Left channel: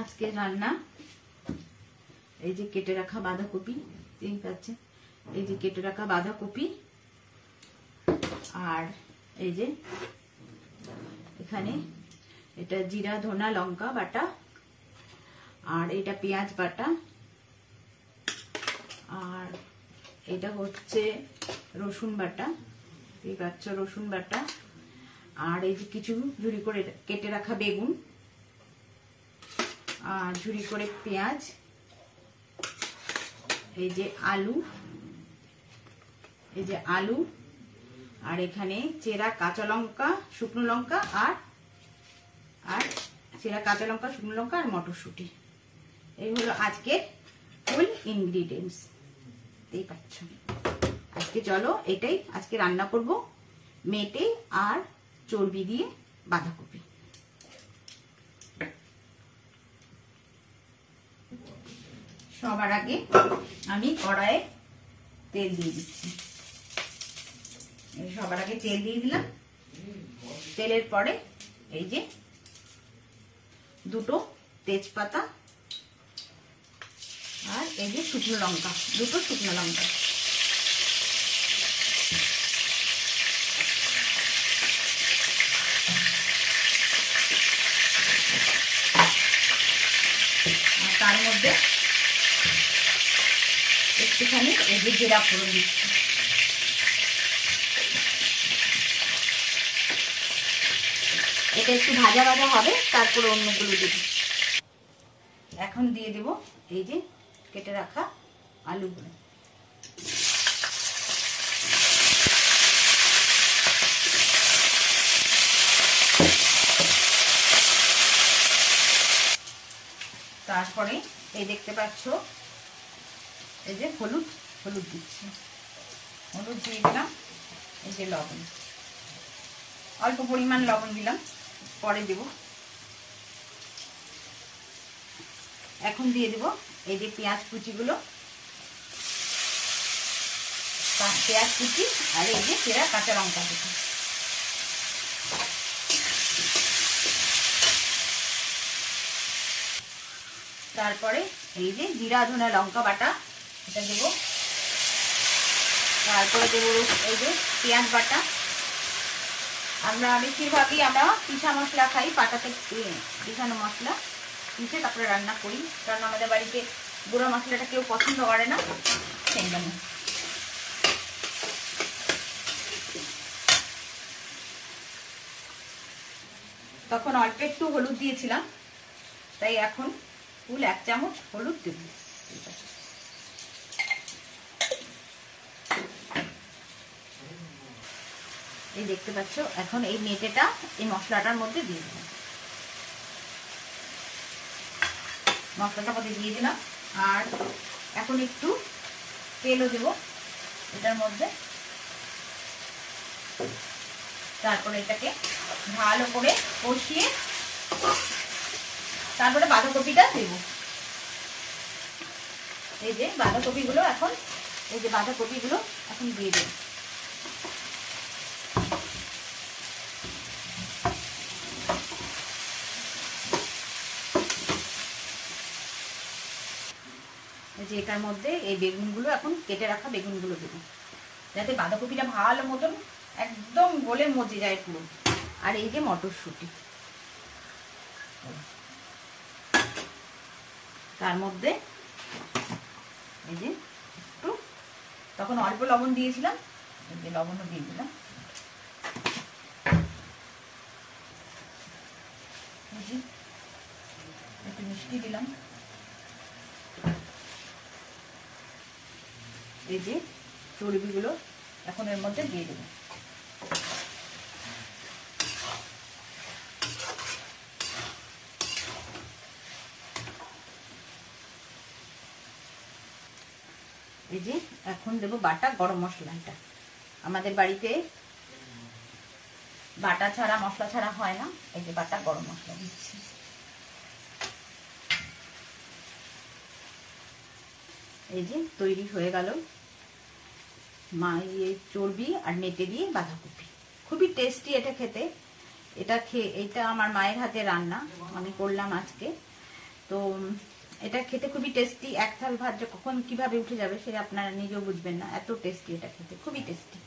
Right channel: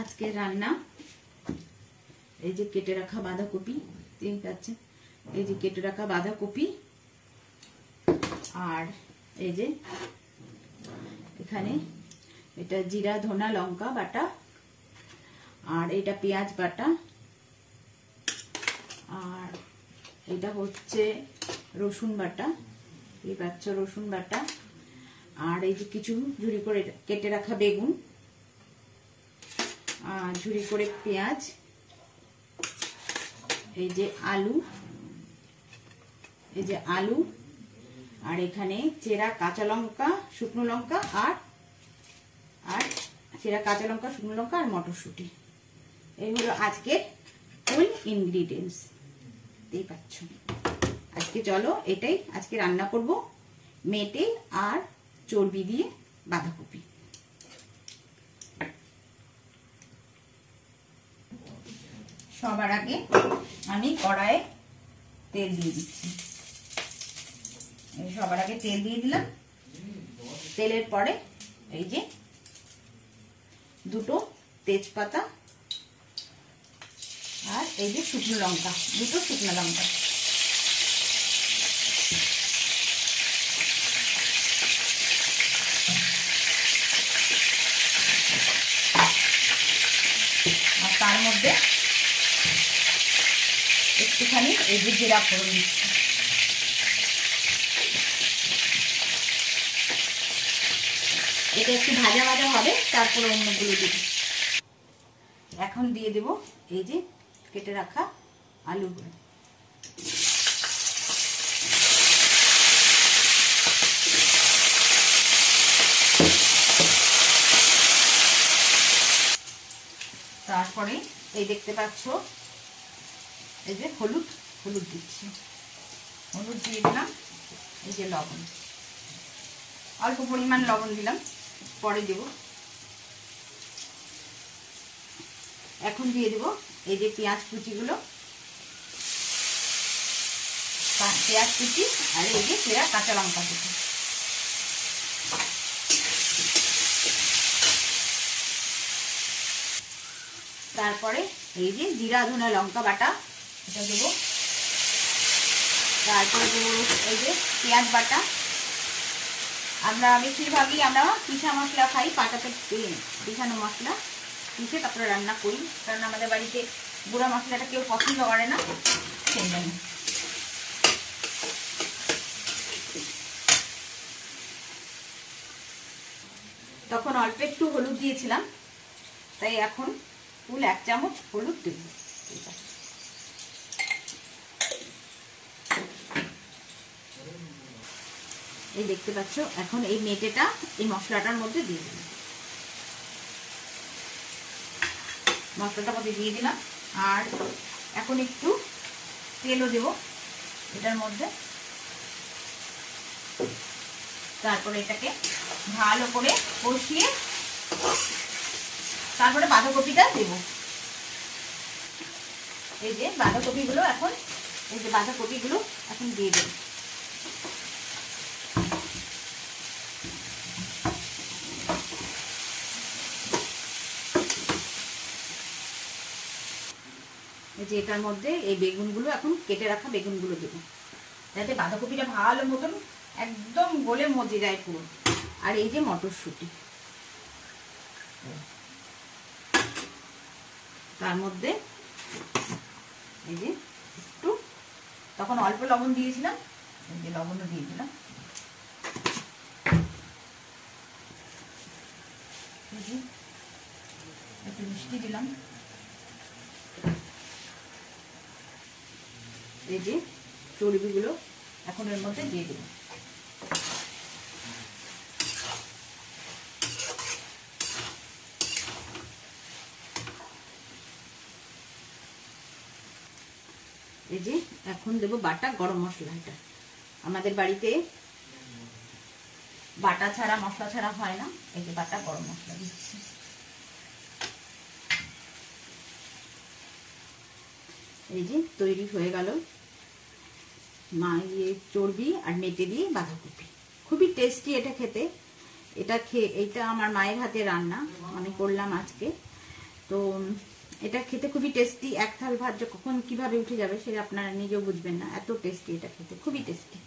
আজকে রান্না এই যে কেটে রাখা বাঁধাকপি, দেখতে পাচ্ছেন, এই যে কেটে রাখা বাঁধাকপি, আর এই যে এখানে এটা জিরা ধনা লঙ্কা বাটা, আর এটা পেঁয়াজ বাটা, আর এটা হচ্ছে রসুন বাটা, এই বাচ্চা রসুন বাটা, আর এই যে কিছু ঝুরি করে কেটে রাখা বেগুন, আর ঝুরি করে পেঁয়াজ, এই যে আলু, এই যে আলু, আর এখানে চেরা কাঁচা লঙ্কা, শুকনো লঙ্কা, আর চেরা কাঁচা লঙ্কা, শুকনো লঙ্কা, আর মটরশুঁটি। এই হলো আজকের ফুল ইনগ্রিডিয়েন্টস। এই পাচ্ছ, আজকে চলো এটাই আজকে রান্না করব, মেটে আর চর্বি দিয়ে বাঁধাকপি। সবার আগে আমি কড়াইয়ে তেল দিয়ে দিচ্ছি। সবার আগে তেল দিয়ে দিলাম। তেলের পরে এই যে দুটো তেজপাতা, আর এই যে শুকনো লঙ্কা, দুটো শুকনো লঙ্কা। আর তার মধ্যে একটুখানি এই যে জিরা ফোড়ন দিচ্ছি। এটা একটু ভাজা ভাজা হবে, তারপরে অন্যগুলো দেব। এখন দিয়ে দেব এই যে কেটে রাখা আলুগুলো। তারপরে এই দেখতে পাচ্ছ এই যে হলুদ দিচ্ছি, হলুদ দিয়ে দিলাম। এই যে লবণ, অল্প পরিমাণ লবণ দিলাম, পরে দেব। এখন দিয়ে দেব এই যে পেঁয়াজ কুচিগুলো, পেঁয়াজ কুচি, আর এই যে চেরা কাঁচা লঙ্কা কুচি। তারপরে এই যে জিরা ধনা লঙ্কা বাটা, এটা দেবো। তারপরে দেবো এই যে পেঁয়াজ বাটা। আমরা বেশিরভাগই আমরা পিঠা মশলা খাই, পাটাতে পিঠানো মশলা পিঠে তারপরে রান্না করি, কারণ আমাদের বাড়িতে গুঁড়া মশলাটা কেউ পছন্দ করে না, সেই জন্য। তখন অল্প একটু হলুদ দিয়েছিলাম, তাই এখন ফুল 1 চামচ হলুদ দেব। এই দেখতে পাচ্ছ, এখন এই মেটেটা এই মশলাটার মধ্যে দিয়ে দিলাম। মশলাটার মধ্যে দিয়ে দিলাম, আর এখন একটু তেলও দেব এটার মধ্যে। তারপরে এটাকে ভালো করে কষিয়ে তারপরে বাঁধাকপিটা দেব। এই যে বাঁধাকপিগুলো এখন দিয়ে দেব। যে এটার মধ্যে এই বেগুনগুলো, এখন কেটে রাখা বেগুনগুলো দেবো, যাতে বাঁধাকপিটা ভালো মতন একদম গলে মজে যায় পুরো। আর এই যে মটরশুঁটি, তার মধ্যে এই যে একটু, তখন অল্প লবণ দিয়েছিলাম, এই যে লবণও দিয়ে দিলাম। একটু মিষ্টি দিলাম। এই যে চর্বিগুলো এখন এর মধ্যে দিয়ে দেব। এই যে এখন দেব বাটা গরম মশলাটা। আমাদের বাড়িতে বাটা ছাড়া, মশলা ছাড়া হয় না। এই যে বাটা গরম মশলা দিচ্ছি। এই যে তৈরি হয়ে গেল মায়ের চর্বি আর মেটে দিয়ে বাঁধাকপি। খুবই টেস্টি এটা খেতে। এটা আমার মায়ের হাতে রান্না, আমি করলাম আজকে। তো এটা খেতে খুবই টেস্টি। এক থাল ভাত যে কখন কিভাবে উঠে যাবে সেটা আপনারা নিজেও বুঝবেন না, এত টেস্টি এটা খেতে, খুবই টেস্টি।